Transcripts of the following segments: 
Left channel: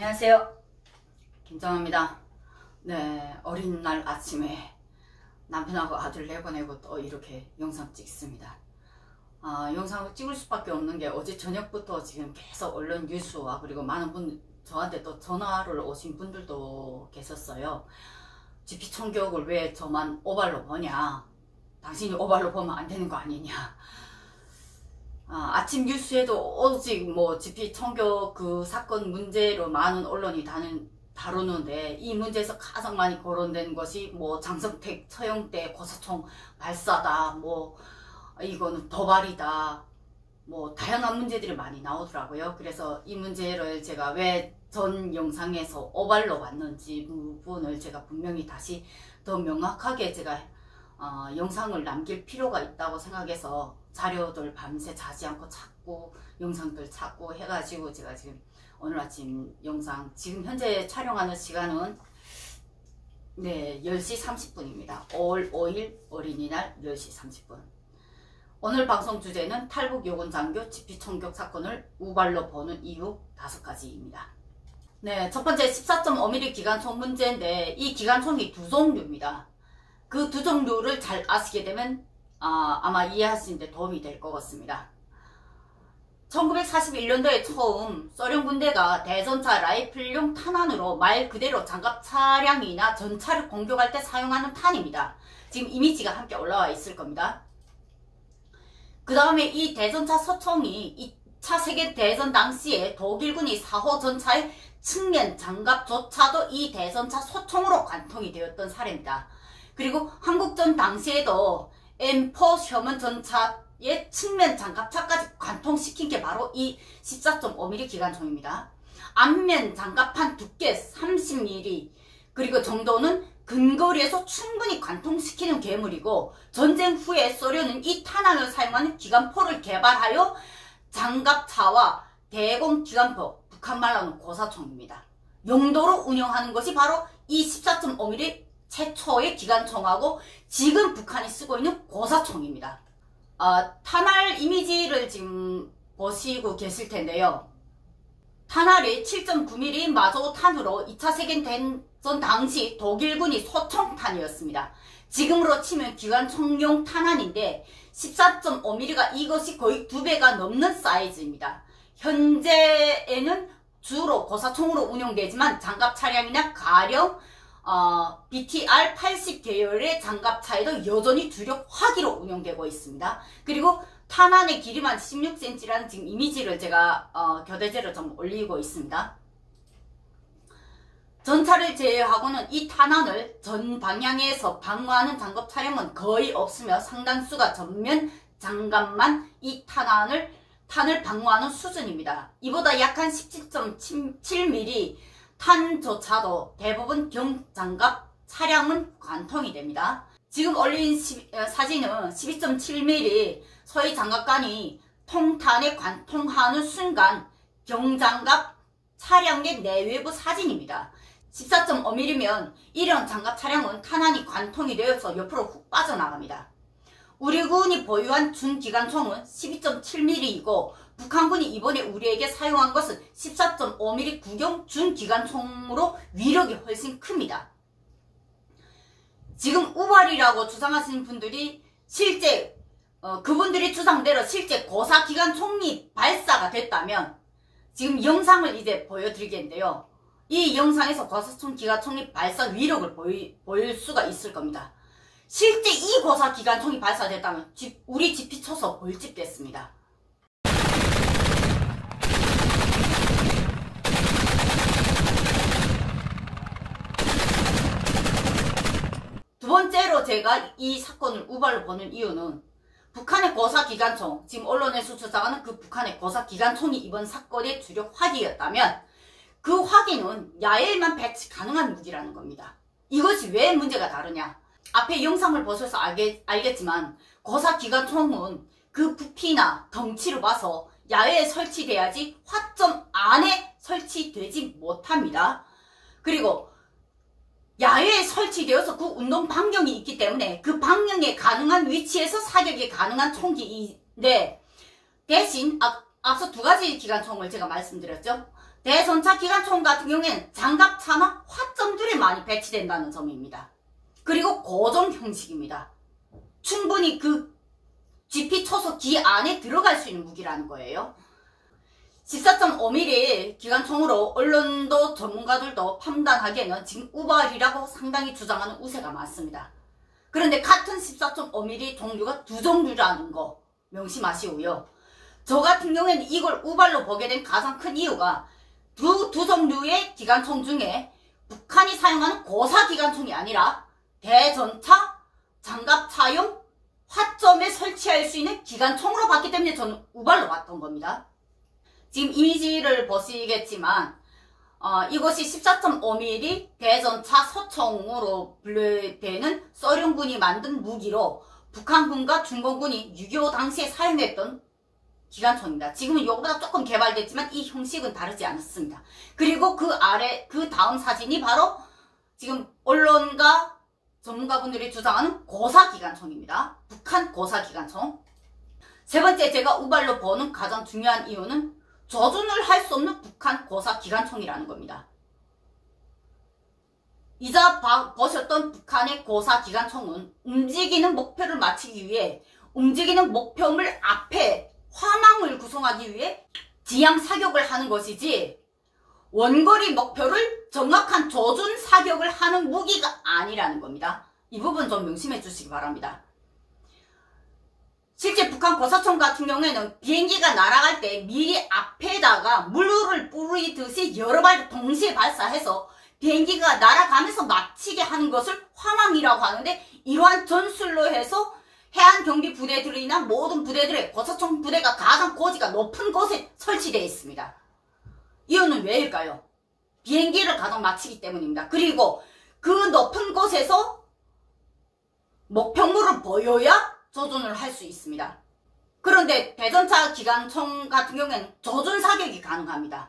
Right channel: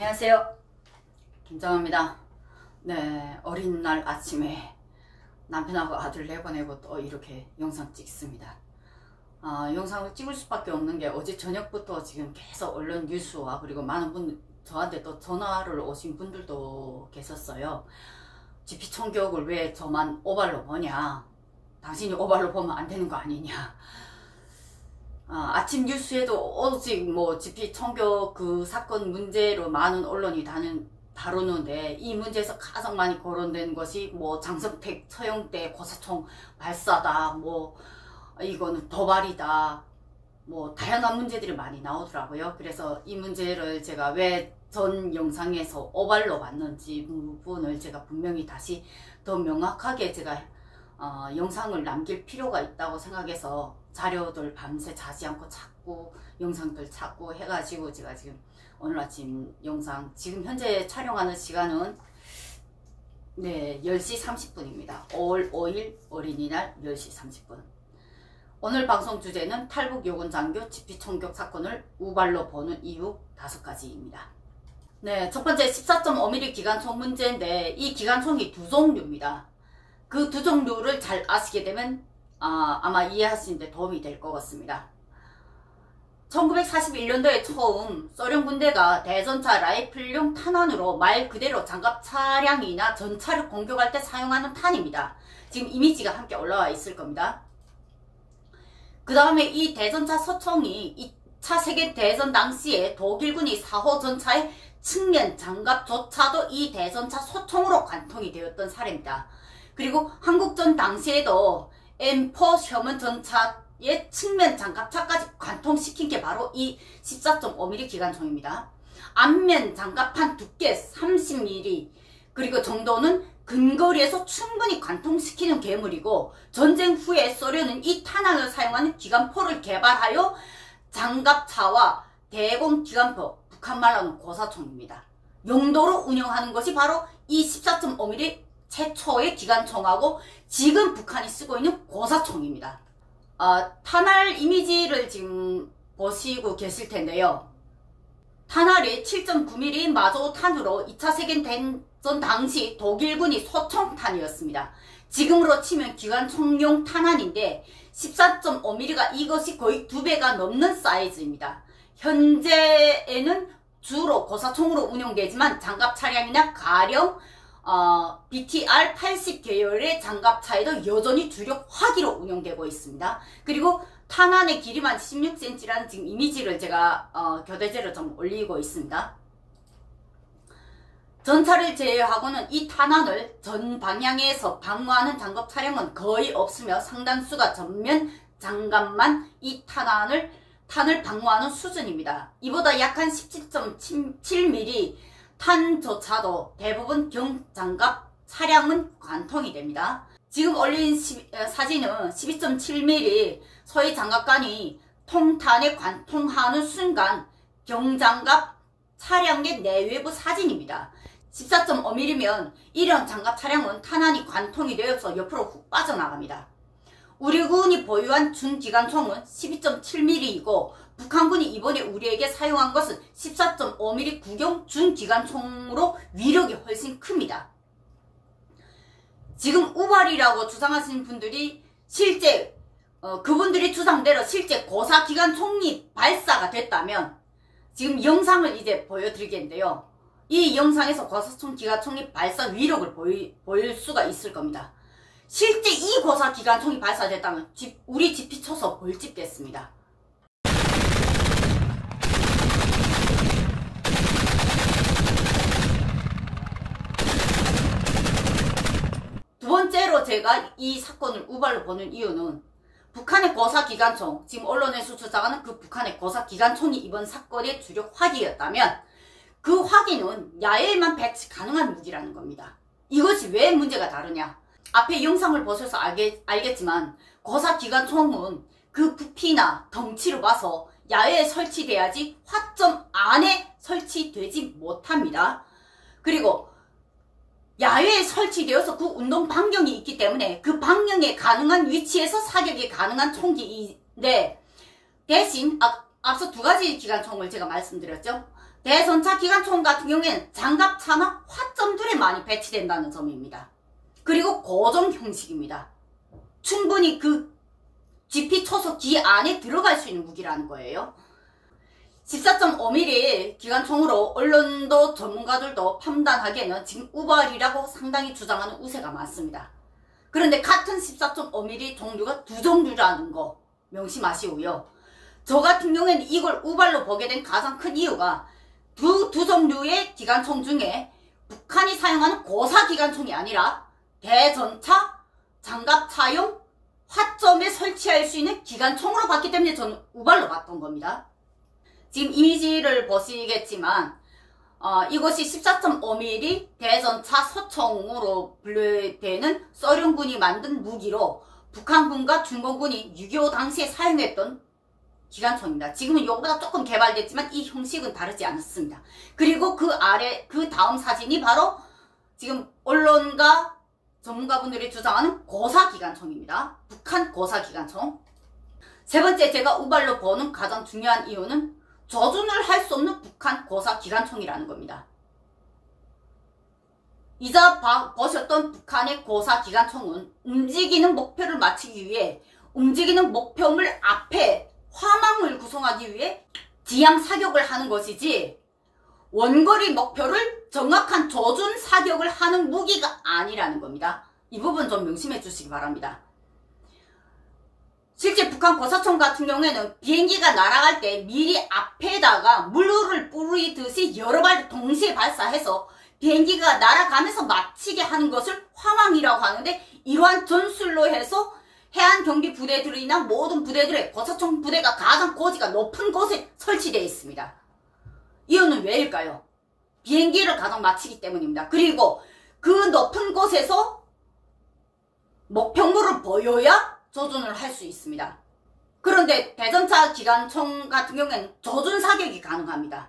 안녕하세요, 김정아입니다. 네, 어린 날 아침에 남편하고 아들 내보내고 또 이렇게 영상 찍습니다. 영상을 찍을 수밖에 없는 게 어제 저녁부터 지금 계속 언론 뉴스와 그리고 많은 분 저한테 또 전화를 오신 분들도 계셨어요. GP 총격을 왜 저만 오발로 보냐, 당신이 오발로 보면 안 되는 거 아니냐. 아침 뉴스에도 오직 GP 총격 그 사건 문제로 많은 언론이 다루는데, 이 문제에서 가장 많이 거론된 것이 장성택 처형대 고사총 발사다, 이거는 도발이다, 다양한 문제들이 많이 나오더라고요. 그래서 이 문제를 제가 왜 전 영상에서 오발로 봤는지 부분을 제가 분명히 다시 더 명확하게 제가 영상을 남길 필요가 있다고 생각해서 자료들 밤새 자지 않고 찾고 영상들 찾고 해가지고 제가 지금 오늘 아침 영상, 지금 현재 촬영하는 시간은 10시 30분입니다. 5월 5일 어린이날 10시 30분. 오늘 방송 주제는 탈북 요군 장교 GP 총격 사건을 우발로 보는 이유 5가지입니다. 네, 첫 번째 14.5mm 기관총 문제인데, 이 기관총이 두 종류입니다. 그 두 종류를 잘 아시게 되면 아마 이해하시는데 도움이 될 것 같습니다. 1941년도에 처음 소련 군대가 대전차 라이플용 탄환으로 말 그대로 장갑 차량이나 전차를 공격할 때 사용하는 탄입니다. 지금 이미지가 함께 올라와 있을 겁니다. 그 다음에 이 대전차 소총이 2차 세계대전 당시에 독일군이 4호 전차의 측면 장갑조차도 이 대전차 소총으로 관통이 되었던 사례입니다. 그리고 한국전 당시에도 M4 셔먼 전차의 측면 장갑차까지 관통시킨 게 바로 이 14.5mm 기관총입니다. 앞면 장갑판 두께 30mm 그리고 정도는 근거리에서 충분히 관통시키는 괴물이고, 전쟁 후에 소련은 이 탄환을 사용하는 기관포를 개발하여 장갑차와 대공 기관포, 북한말로는 고사총입니다. 용도로 운영하는 것이 바로 이 14.5mm 최초의 기관총하고 지금 북한이 쓰고 있는 고사총입니다. 탄알 이미지를 지금 보시고 계실 텐데요. 탄알이 7.9mm 마조탄으로 2차 세계대전 당시 독일군이 소총탄이었습니다. 지금으로 치면 기관총용 탄환인데 14.5mm가 이것이 거의 2배가 넘는 사이즈입니다. 현재에는 주로 고사총으로 운용되지만 장갑 차량이나 가령 BTR-80 계열의 장갑차에도 여전히 주력 화기로 운용되고 있습니다. 그리고 탄환의 길이만 16cm라는 지금 이미지를 제가 교대제로 좀 올리고 있습니다. 전차를 제외하고는 이 탄환을 전 방향에서 방어하는 장갑 차량은 거의 없으며 상당수가 전면 장갑만 이 탄을 방어하는 수준입니다. 이보다 약한 17.7mm 탄조차도 대부분 경장갑 차량은 관통이 됩니다. 지금 올린 사진은 12.7mm 소위 장갑관이 통탄에 관통하는 순간 경장갑 차량의 내외부 사진입니다. 14.5mm면 이런 장갑 차량은 탄환이 관통이 되어서 옆으로 훅 빠져나갑니다. 우리 군이 보유한 준기관총은 12.7mm이고 북한군이 이번에 우리에게 사용한 것은 14.5mm 구경 준기관총으로 위력이 훨씬 큽니다. 지금 우발이라고 주장하시는 분들이 실제 그분들이 주장대로 실제 고사기관총이 발사가 됐다면, 지금 영상을 이제 보여드리겠는데요. 이 영상에서 고사총 기관총이 발사 위력을 보일 수가 있을 겁니다. 실제 이 고사기관총이 발사됐다면 우리 GP 쳐서 벌집 됐습니다. 두 번째로 제가 이 사건을 우발로 보는 이유는 북한의 고사기관총, 지금 언론에서 주장하는 그 북한의 고사기관총이 이번 사건의 주력 화기였다면 그 화기는 야외에만 배치 가능한 무기라는 겁니다. 이것이 왜 문제가 다르냐? 앞에 영상을 보셔서 알겠지만 고사기관총은 그 부피나 덩치를 봐서 야외에 설치돼야지 화점 안에 설치되지 못합니다. 그리고 야외에 설치되어서 그 운동 반경이 있기 때문에 그 반경에 가능한 위치에서 사격이 가능한 총기인데, 대신 앞서 두 가지 기관총을 제가 말씀드렸죠. 대전차 기관총 같은 경우에는 장갑차나 화점들에 많이 배치된다는 점입니다. 그리고 고정 형식입니다. 충분히 그 GP 초소 기 안에 들어갈 수 있는 무기라는 거예요. 14.5mm 기관총으로 언론도 전문가들도 판단하기에는 지금 우발이라고 상당히 주장하는 우세가 많습니다. 그런데 같은 14.5mm 종류가 두 종류라는 거 명심하시고요. 저 같은 경우에는 이걸 우발로 보게 된 가장 큰 이유가 두 종류의 기관총 중에 북한이 사용하는 고사 기관총이 아니라 대전차, 장갑차용 화점에 설치할 수 있는 기관총으로 봤기 때문에 저는 우발로 봤던 겁니다. 지금 이미지를 보시겠지만 이것이 14.5mm 대전차 소총으로 분류되는 소련군이 만든 무기로 북한군과 중공군이 6.25 당시에 사용했던 기관총입니다. 지금은 이거보다 조금 개발됐지만 이 형식은 다르지 않았습니다. 그리고 그 다음 사진이 바로 지금 언론과 전문가분들이 주장하는 고사 기관총입니다. 북한 고사 기관총. 세 번째 제가 우발로 보는 가장 중요한 이유는 조준을 할 수 없는 북한 고사 기관총이라는 겁니다. 이자 보셨던 북한의 고사 기관총은 움직이는 목표를 맞추기 위해 움직이는 목표물 앞에 화망을 구성하기 위해 지향 사격을 하는 것이지 원거리 목표를 정확한 조준 사격을 하는 무기가 아니라는 겁니다. 이 부분 좀 명심해 주시기 바랍니다. 실제 북한 고사총 같은 경우에는 비행기가 날아갈 때 미리 앞에다가 물을 뿌리듯이 여러 발 동시에 발사해서 비행기가 날아가면서 맞히게 하는 것을 화망이라고 하는데, 이러한 전술로 해서 해안경비 부대들이나 모든 부대들의 고사총 부대가 가장 고지가 높은 곳에 설치되어 있습니다. 이유는 왜일까요? 비행기를 가장 맞히기 때문입니다. 그리고 그 높은 곳에서 목표물을 보여야 조준을 할 수 있습니다. 그런데 대전차 기관총 같은 경우에는 조준 사격이 가능합니다.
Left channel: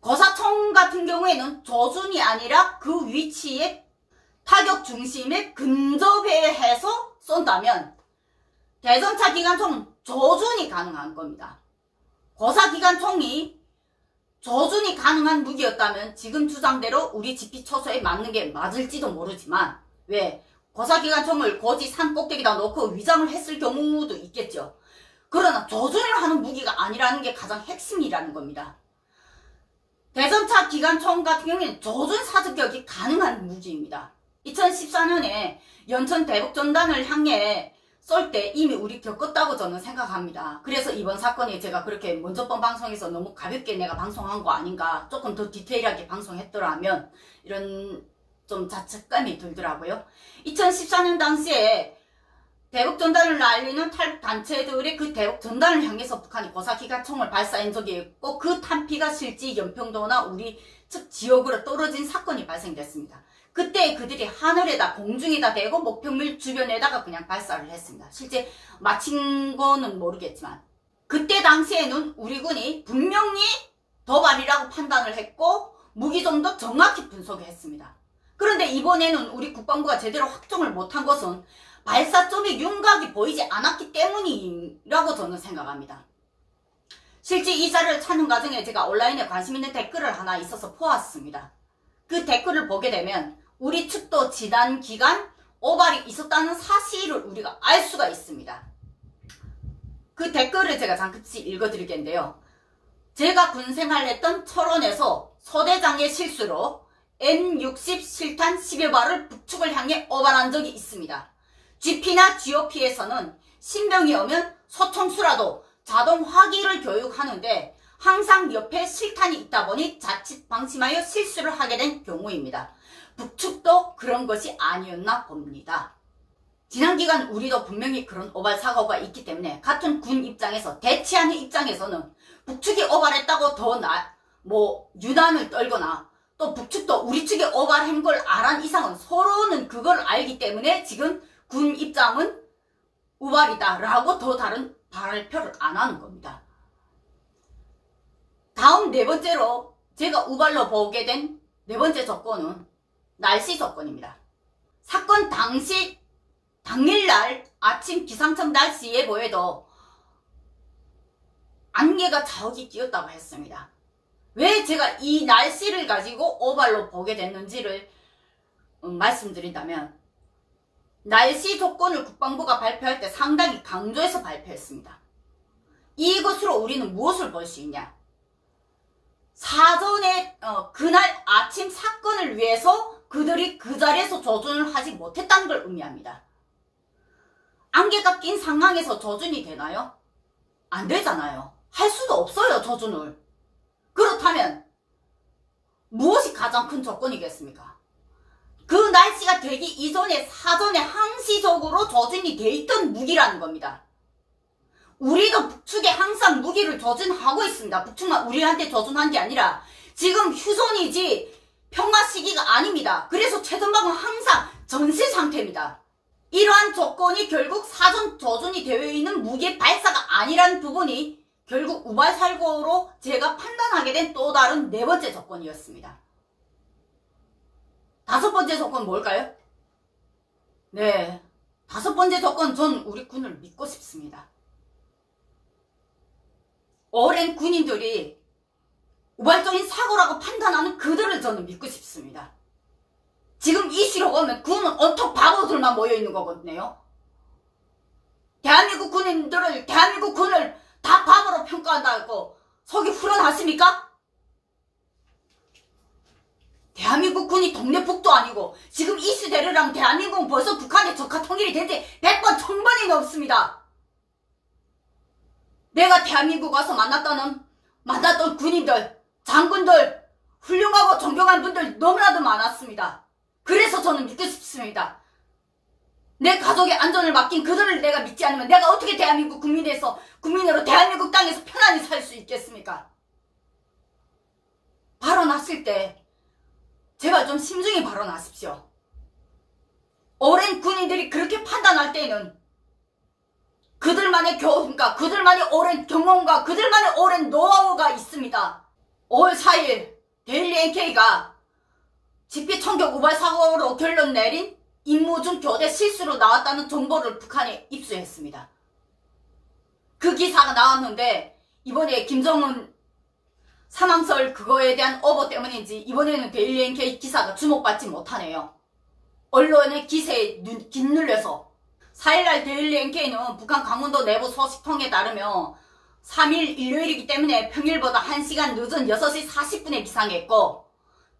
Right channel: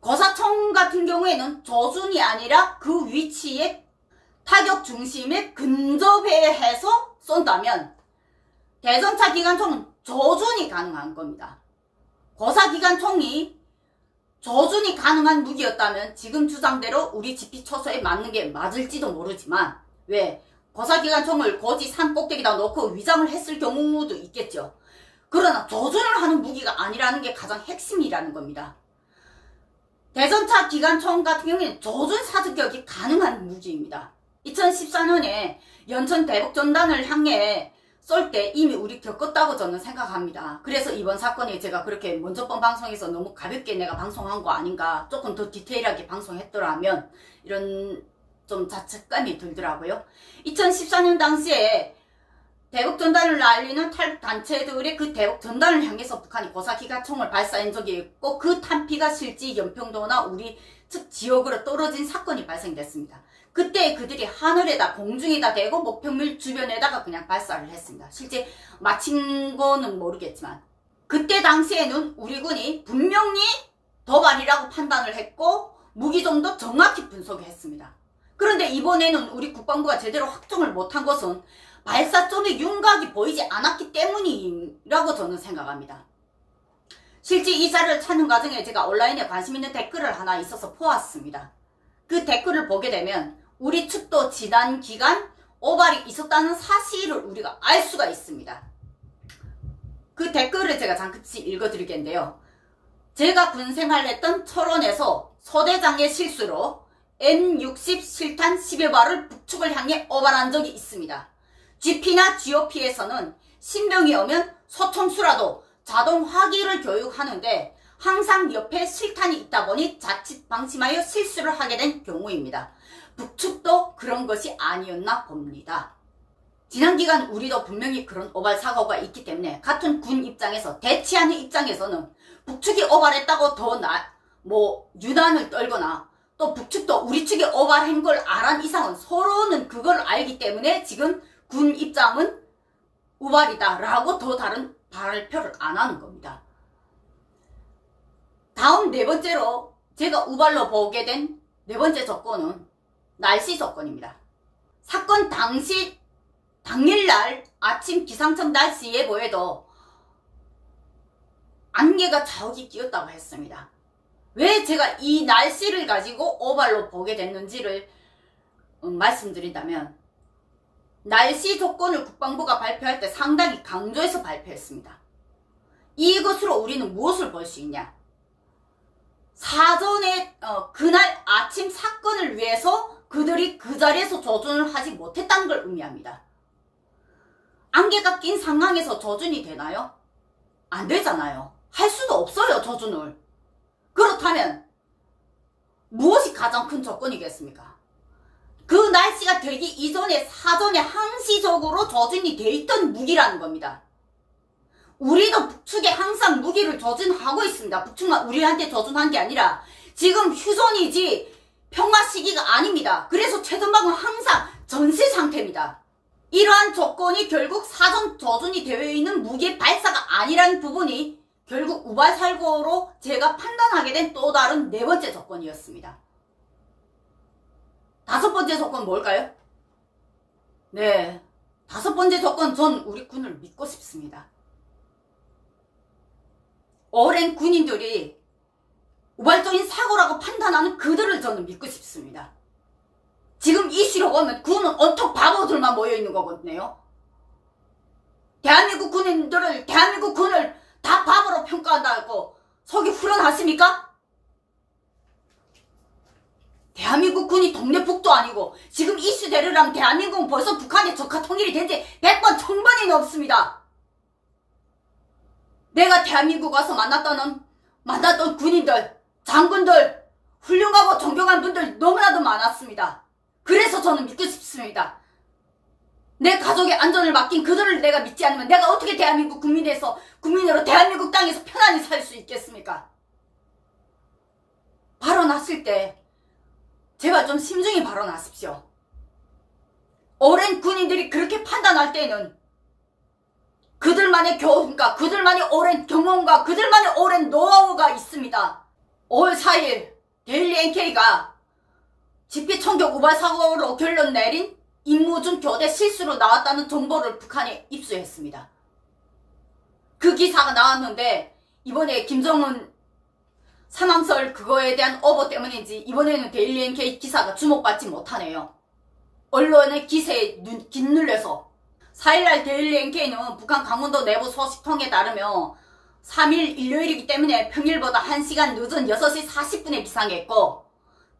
고사총 같은 경우에는 조준이 아니라 그 위치에 타격 중심에 근접해 해서 쏜다면 대전차 기관총은 조준이 가능한 겁니다. 고사 기관총이 조준이 가능한 무기였다면 지금 주장대로 우리 GP 초소에 맞는 게 맞을지도 모르지만, 왜? 고사 기관총을 고지 산 꼭대기다 놓고 위장을 했을 경우도 있겠죠. 그러나 조준을 하는 무기가 아니라는 게 가장 핵심이라는 겁니다. 대전차 기관총 같은 경우에는 조준 사격이 가능한 무기입니다. 2014년에 연천 대북전단을 향해 쏠 때 이미 우리 겪었다고 저는 생각합니다. 그래서 이번 사건이 제가 그렇게 먼저 번 방송에서 너무 가볍게 내가 방송한 거 아닌가, 조금 더 디테일하게 방송했더라면 이런 좀 자책감이 들더라고요. 2014년 당시에 대북전단을 날리는 탈북단체들의 그 대북전단을 향해서 북한이 고사기관총을 발사한 적이 있고, 그 탄피가 실제 연평도나 우리 측 지역으로 떨어진 사건이 발생됐습니다. 그때 그들이 하늘에다 공중에다 대고 목표물 주변에다가 그냥 발사를 했습니다. 실제 마친 거는 모르겠지만 그때 당시에는 우리 군이 분명히 도발이라고 판단을 했고 무기종도 정확히 분석했습니다. 그런데 이번에는 우리 국방부가 제대로 확정을 못한 것은 발사점의 윤곽이 보이지 않았기 때문이라고 저는 생각합니다. 실제 이 자료를 찾는 과정에 제가 온라인에 관심 있는 댓글을 하나 있어서 보았습니다. 그 댓글을 보게 되면 우리 측도 지난 기간 오발이 있었다는 사실을 우리가 알 수가 있습니다. 그 댓글을 제가 잠시 읽어드리겠는데요. 제가 군생활을 했던 철원에서 소대장의 실수로 N60 실탄 10여 발을 북측을 향해 오발한 적이 있습니다. GP나 GOP에서는 신병이 오면 소총수라도 자동 화기를 교육하는데 항상 옆에 실탄이 있다 보니 자칫 방심하여 실수를 하게 된 경우입니다. 북측도 그런 것이 아니었나 봅니다. 지난 기간 우리도 분명히 그런 오발 사고가 있기 때문에 같은 군 입장에서, 대치하는 입장에서는 북측이 오발했다고 더 유난을 떨거나 또 북측도 우리 측이 오발한 걸 알한 이상은 서로는 그걸 알기 때문에 지금 군 입장은 우발이다 라고 더 다른 발표를 안 하는 겁니다. 다음 네 번째로 제가 우발로 보게 된 네 번째 조건은 날씨 조건입니다. 사건 당일날 아침 기상청 날씨 예보에도 안개가 자욱이 끼었다고 했습니다. 왜 제가 이 날씨를 가지고 오발로 보게 됐는지를 말씀드린다면, 날씨 조건을 국방부가 발표할 때 상당히 강조해서 발표했습니다. 이것으로 우리는 무엇을 볼 수 있냐? 사전에 그날 아침 사건을 위해서 그들이 그 자리에서 조준을 하지 못했다는 걸 의미합니다. 안개가 낀 상황에서 조준이 되나요? 안 되잖아요. 할 수도 없어요, 조준을. 그렇다면 무엇이 가장 큰 조건이겠습니까? 그 날씨가 되기 이전에 사전에 항시적으로 조준이 돼 있던 무기라는 겁니다. 우리도 북측에 항상 무기를 조준하고 있습니다. 북측만 우리한테 조준한 게 아니라 지금 휴전이지 평화 시기가 아닙니다. 그래서 최전방은 항상 전시 상태입니다. 이러한 조건이 결국 사전 조준이 되어 있는 무기의 발사가 아니라는 부분이 결국 우발 사고로 제가 판단하게 된 또 다른 네 번째 조건이었습니다. 다섯 번째 조건 뭘까요? 네, 다섯 번째 조건, 전 우리 군을 믿고 싶습니다. 오랜 군인들이 우발적인 사고라고 판단하는 그들을 저는 믿고 싶습니다. 지금 이슈로 보면 군은 온통 바보들만 모여있는 거거든요. 대한민국 군을 다 바보로 평가한다고 속이 후련하십니까? 대한민국 군이 동네북도 아니고 지금 이슈대로라면 대한민국은 벌써 북한의 적화 통일이 된 지 100번 1000번이 넘습니다. 내가 대한민국 와서 만났던 군인들, 장군들, 훌륭하고 존경한 분들 너무나도 많았습니다. 그래서 저는 믿고 싶습니다. 내 가족의 안전을 맡긴 그들을 내가 믿지 않으면 내가 어떻게 대한민국 국민으로 대한민국 땅에서 편안히 살 수 있겠습니까? 발언하실 때 제발 좀 심중히 발언하십시오. 오랜 군인들이 그렇게 판단할 때는 그들만의 그들만의 오랜 경험과 그들만의 오랜 노하우가 있습니다. 5월 4일 데일리 NK가 집회 총격 우발 사고로 결론 내린 임무 중 교대 실수로 나왔다는 정보를 북한에 입수했습니다. 그 기사가 나왔는데 이번에 김정은 사망설 그거에 대한 오보 때문인지 이번에는 데일리 NK 기사가 주목받지 못하네요. 언론의 기세에 짓눌려서 4일날 데일리 NK는 북한 강원도 내부 소식통에 따르면 3일 일요일이기 때문에 평일보다 1시간 늦은 6시 40분에 비상했고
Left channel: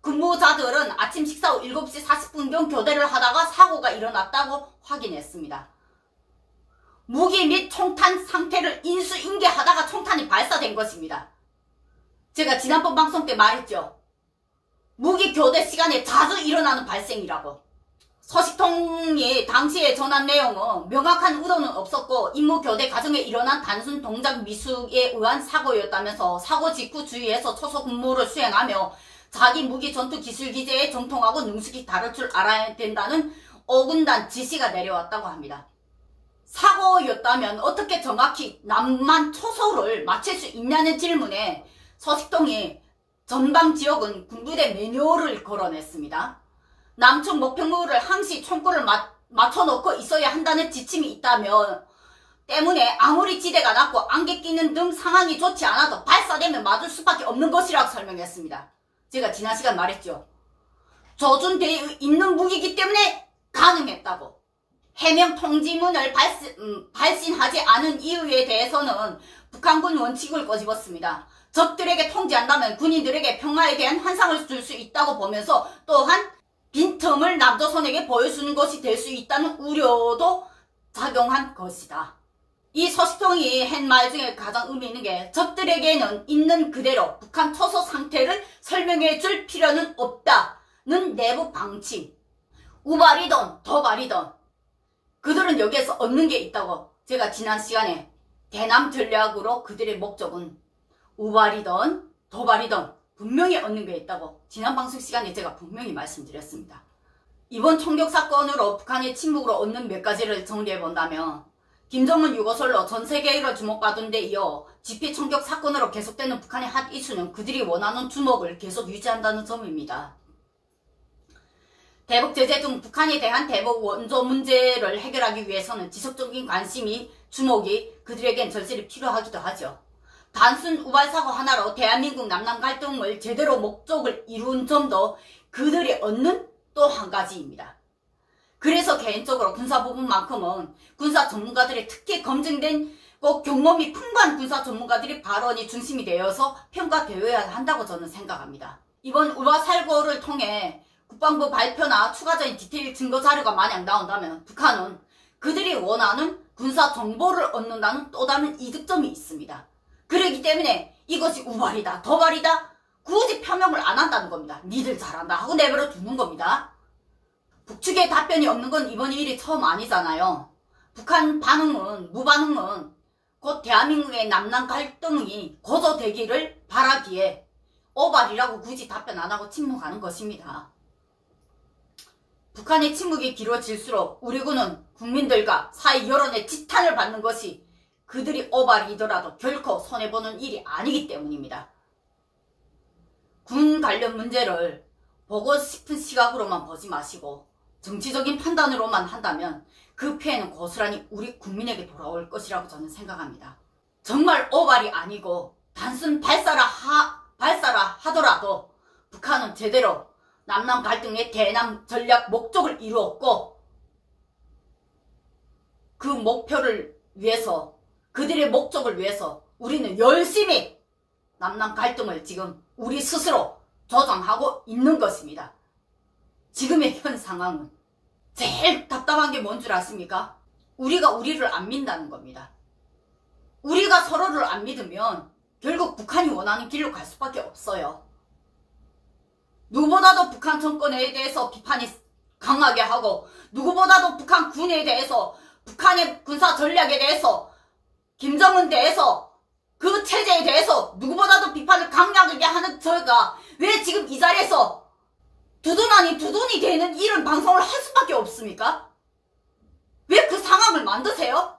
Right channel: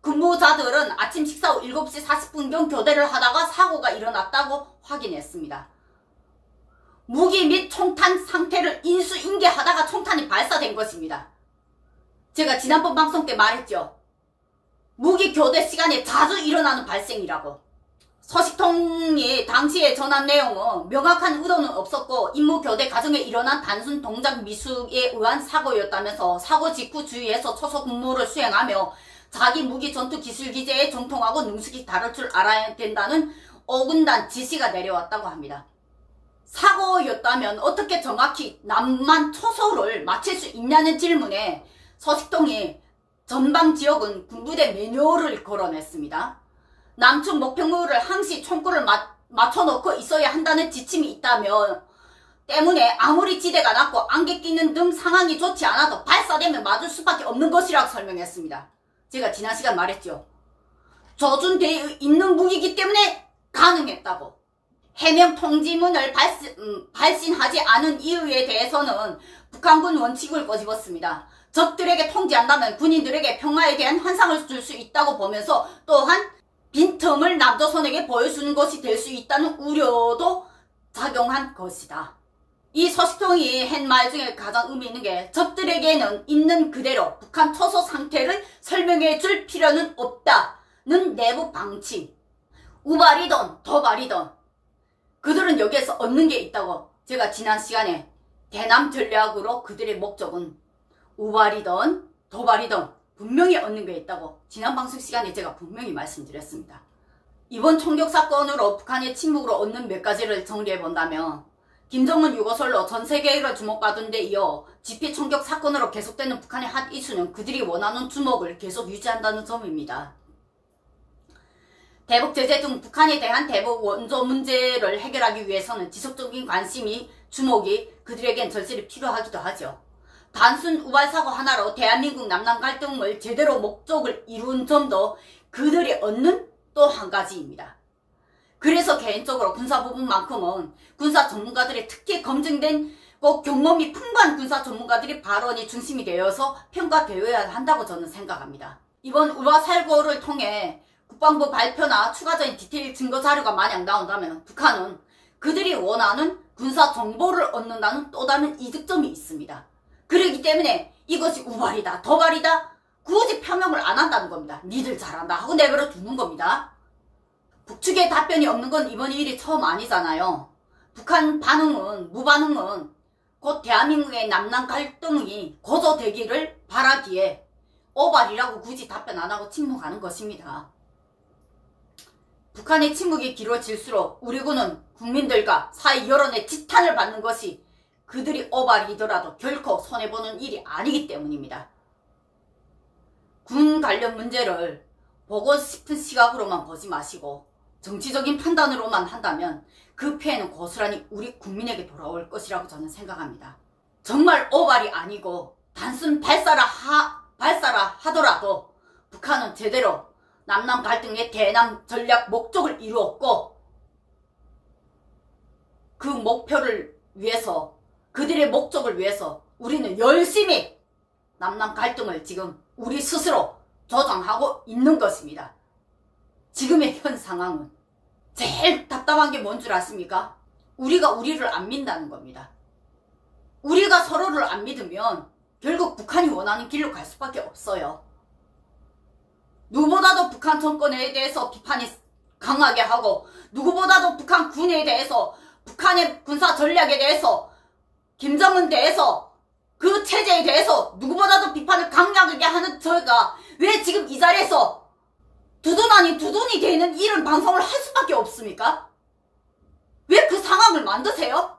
근무자들은 아침 식사 후 7시 40분경 교대를 하다가 사고가 일어났다고 확인했습니다. 무기 및 총탄 상태를 인수인계하다가 총탄이 발사된 것입니다. 제가 지난번 방송 때 말했죠. 무기 교대 시간에 자주 일어나는 발생이라고. 소식통이 당시에 전한 내용은 명확한 의도는 없었고 임무 교대 과정에 일어난 단순 동작 미숙에 의한 사고였다면서 사고 직후 주위에서 초소 근무를 수행하며 자기 무기 전투 기술 기제에 정통하고 능숙히 다룰 줄 알아야 된다는 어긋난 지시가 내려왔다고 합니다. 사고였다면 어떻게 정확히 남만 초소를 맞출 수 있냐는 질문에 소식통이 전방 지역은 군부대 매뉴얼을 걸어냈습니다. 남측 목표물을 항시 총구를 맞춰놓고 있어야 한다는 지침이 있다면 때문에 아무리 지대가 낮고 안개 끼는 등 상황이 좋지 않아도 발사되면 맞을 수밖에 없는 것이라고 설명했습니다. 제가 지난 시간 말했죠. 조준되어 있는 무기이기 때문에 가능했다고. 해명 통지문을 발신하지 않은 이유에 대해서는 북한군 원칙을 꼬집었습니다. 적들에게 통지한다면 군인들에게 평화에 대한 환상을 줄 수 있다고 보면서 또한 빈틈을 남조선에게 보여주는 것이 될 수 있다는 우려도 작용한 것이다. 이 소식통이 한 말 중에 가장 의미 있는 게 적들에게는 있는 그대로 북한 초소 상태를 설명해 줄 필요는 없다는 내부 방침. 우발이든 도발이든 그들은 여기에서 얻는 게 있다고. 제가 지난 시간에 대남 전략으로 그들의 목적은 우발이든 도발이든 분명히 얻는 게 있다고 지난 방송 시간에 제가 분명히 말씀드렸습니다. 이번 총격 사건으로 북한의 침묵으로 얻는 몇 가지를 정리해본다면 김정은 유고설로 전세계를 주목받은 데 이어 집회 총격 사건으로 계속되는 북한의 핫 이슈는 그들이 원하는 주목을 계속 유지한다는 점입니다. 대북 제재 등 북한에 대한 대북 원조 문제를 해결하기 위해서는 지속적인 관심이 주목이 그들에겐 절실히 필요하기도 하죠. 단순 우발사고 하나로 대한민국 남남 갈등을 제대로 목적을 이룬 점도 그들이 얻는 또 한 가지입니다. 그래서 개인적으로 군사 부분만큼은 군사 전문가들이 특히 검증된 경험이 풍부한 군사 전문가들이 발언이 중심이 되어서 평가되어야 한다고 저는 생각합니다. 이번 우발살고를 통해 국방부 발표나 추가적인 디테일 증거 자료가 만약 나온다면 북한은 그들이 원하는 군사 정보를 얻는다는 또 다른 이득점이 있습니다. 그렇기 때문에 이것이 우발이다, 도발이다 굳이 표명을 안 한다는 겁니다. 니들 잘한다 하고 내버려 두는 겁니다. 북측의 답변이 없는 건 이번 일이 처음 아니잖아요. 북한 반응은, 무반응은 곧 대한민국의 남남 갈등이 고조되기를 바라기에 오발이라고 굳이 답변 안 하고 침묵하는 것입니다. 북한의 침묵이 길어질수록 우리 군은 국민들과 사회 여론의 지탄을 받는 것이 그들이 오발이더라도 결코 손해보는 일이 아니기 때문입니다. 군 관련 문제를 보고 싶은 시각으로만 보지 마시고 정치적인 판단으로만 한다면 그 피해는 고스란히 우리 국민에게 돌아올 것이라고 저는 생각합니다. 정말 오발이 아니고 단순 발사라 하더라도 북한은 제대로 남남 갈등의 대남 전략 목적을 이루었고 그 목표를 위해서 그들의 목적을 위해서 우리는 열심히 남남 갈등을 지금 우리 스스로 조장하고 있는 것입니다. 지금의 현 상황은 제일 답답한 게 뭔 줄 아십니까? 우리가 우리를 안 믿는다는 겁니다. 우리가 서로를 안 믿으면 결국 북한이 원하는 길로 갈 수밖에 없어요. 누구보다도 북한 정권에 대해서 비판이 강하게 하고 누구보다도 북한 군에 대해서 북한의 군사 전략에 대해서 김정은 대해서 그 체제에 대해서 누구보다도 비판을 강력하게 하는 저희가 왜 지금 이 자리에서 두돈 아닌 두돈이 되는 이런 방송을 할 수밖에 없습니까? 왜 그 상황을 만드세요?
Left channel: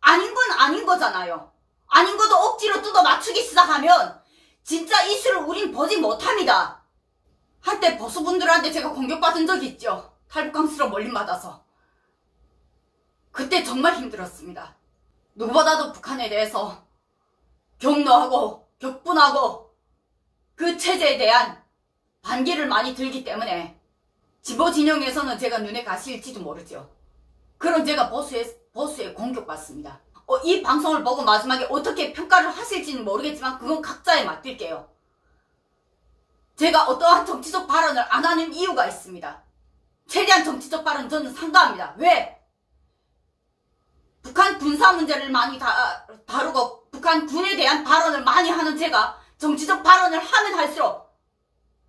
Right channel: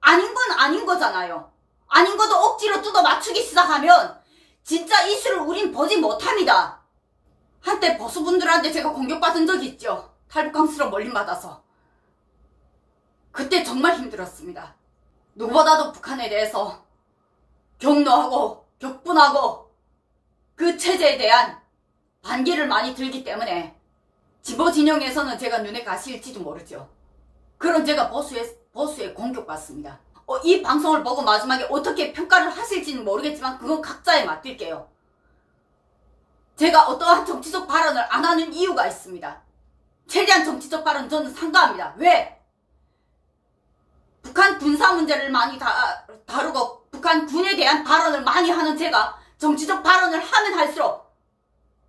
아닌 건 아닌 거잖아요. 아닌 것도 억지로 뜯어 맞추기 시작하면 진짜 이슈를 우린 보지 못합니다. 한때 보수분들한테 제가 공격받은 적이 있죠. 탈북강수로 몰림받아서. 그때 정말 힘들었습니다. 누구보다도 북한에 대해서 격노하고 격분하고 그 체제에 대한 반기를 많이 들기 때문에 진보 진영에서는 제가 눈에 가실지도 모르죠. 그럼 제가 보수에 공격받습니다. 이 방송을 보고 마지막에 어떻게 평가를 하실지는 모르겠지만 그건 각자에 맡길게요. 제가 어떠한 정치적 발언을 안 하는 이유가 있습니다. 최대한 정치적 발언 저는 상가합니다. 왜? 북한 군사 문제를 많이 다루고 북한 군에 대한 발언을 많이 하는 제가 정치적 발언을 하면 할수록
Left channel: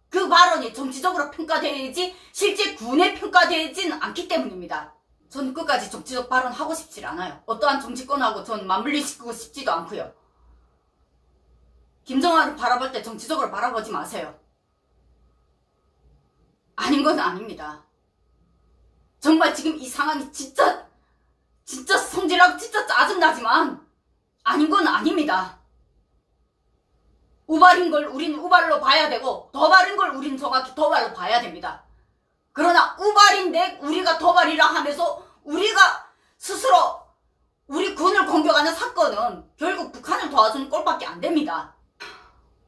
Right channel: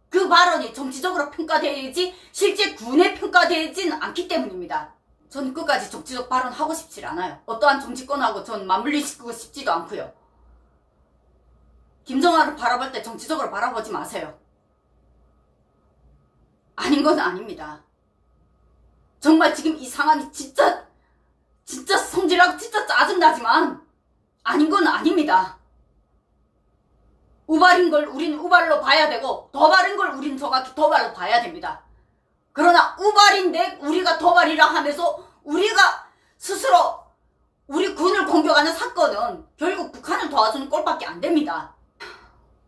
그 발언이 정치적으로 평가되지 실제 군에 평가되지는 않기 때문입니다. 전 끝까지 정치적 발언 하고 싶지 않아요. 어떠한 정치권하고 전 맞물리시키고 싶지도 않고요. 김정은을 바라볼 때 정치적으로 바라보지 마세요. 아닌 건 아닙니다. 정말 지금 이 상황이 진짜 성질나고 진짜 짜증나지만 아닌 건 아닙니다. 우발인 걸 우린 우발로 봐야 되고 도발인 걸 우린 정확히 도발로 봐야 됩니다. 그러나 우발인데 우리가 도발이라 하면서 우리가 스스로 우리 군을 공격하는 사건은 결국 북한을 도와주는 꼴밖에 안 됩니다.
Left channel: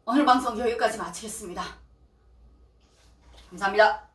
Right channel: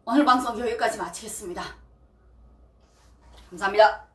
오늘 방송 여기까지 마치겠습니다. 감사합니다.